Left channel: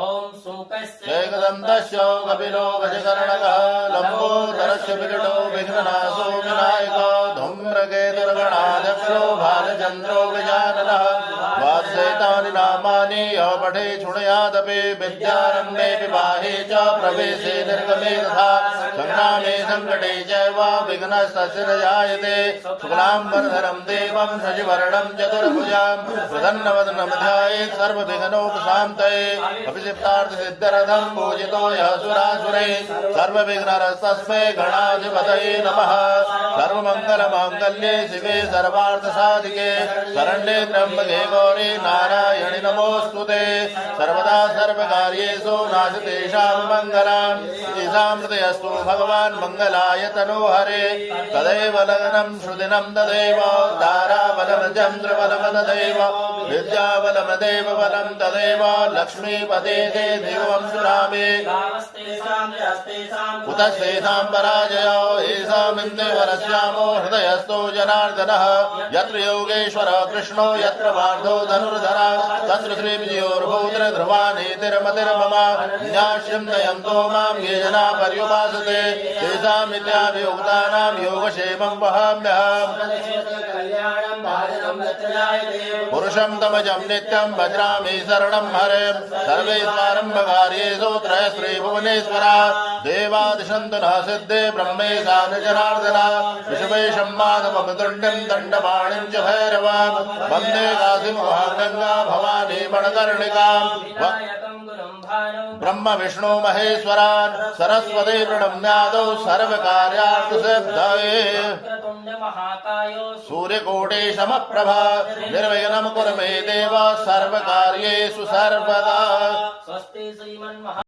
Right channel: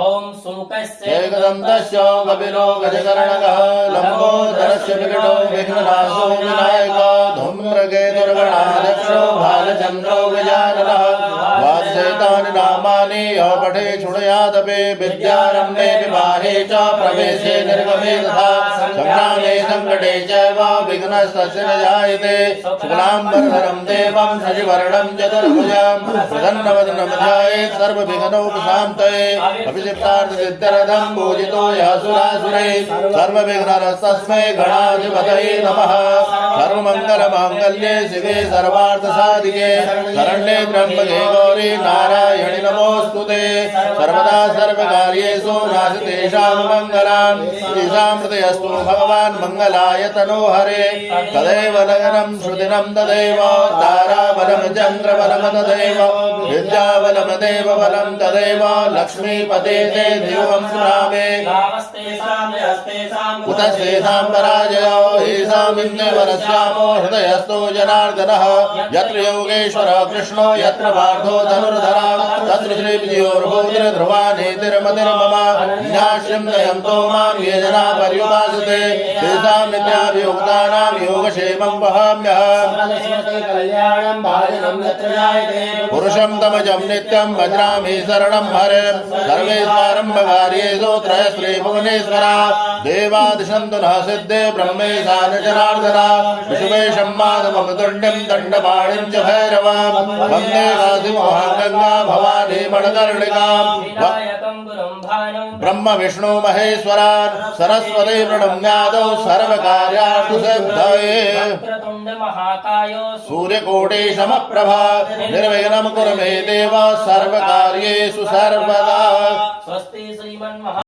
ओम सुमुखस्य एकदन्तस्य कपिलो गजकर्णकः लम्बोदरस्य विकटो विघ्ननाशो विनायकः धूम्रकेतुर्गणाध्यक्षो भालचन्द्रो गजाननः द्वादशैतानि नामानि यः पठे शृणुयादपि विद्यारम्भे विवाहे च प्रवेशे निर्गमे तथा संग्रामे सङ्कटे चैव विघ्नस्तस्य न जायते शुक्लाम्बरधरं देवं शशिवर्णं चतुर्भुजं प्रसन्नवदनं ध्यायेत् सर्वविघ्नोपशान्तये अभिषिक्तार्थसिद्ध्यर्थं पूजितो यः सुरासुरे सर्वविघ्नहरस्तस्मै गणाधिपतये नमः सर्वमङ्गलमाङ्गल्ये शिवे सर्वार्थसाधिके शरण्ये त्र्यम्बके गौरी नारायणि नमोऽस्तुते सर्वदा सर्वकार्येषु नास्तेषां मङ्गलम् ईशामृतयस्तु भगवान् मङ्गलाय तनोहरे तदेव लग्नं श्रुतिनं तदेव ताराबलं चन्द्रबलं तदेव विद्याबलं बलं तदेव लक्ष्मीपते ते देवं सुरामे कुतस्तेषां पराजयो येषामिन्द्रे वरस्यामो हृदयस्थो जनार्दनः यत्र योगेश्वरः कृष्णो यत्र पार्थो धनुर्धरा तत्र श्रीविजयोर्भूत्र ध्रुवानीतिर्मतिर्मम न्यास्यं नयन्तो मां ये जना पर्युपासते तेषां नित्याभियुक्तानां योगक्षेमं वहाम्यहम् पुरुषं तमजं नित्यं भजामि शरणं हरें सर्वेश्वरम्भकार्येषु त्रयश्री भुवनेश्वरा देवादिशन्तु नः सिद्धे ब्रह्मेशान जनार्दना विश्वेशं माधवं तुण्डं दण्डपाणिं च भैरवां वन्दे काशीमोहं गङ्गा भवानी मणकर्णिकां ब्रह्म विष्णु महेश्वरान् सरस्वती प्रणम्यादौ सर्वकार्यार्थसिद्धये सूर्यकोटि समप्रभा निर्विघ्नं कुरु मे देव सर्वकार्येषु सर्वदा। स्वस्ति श्रीमन्महा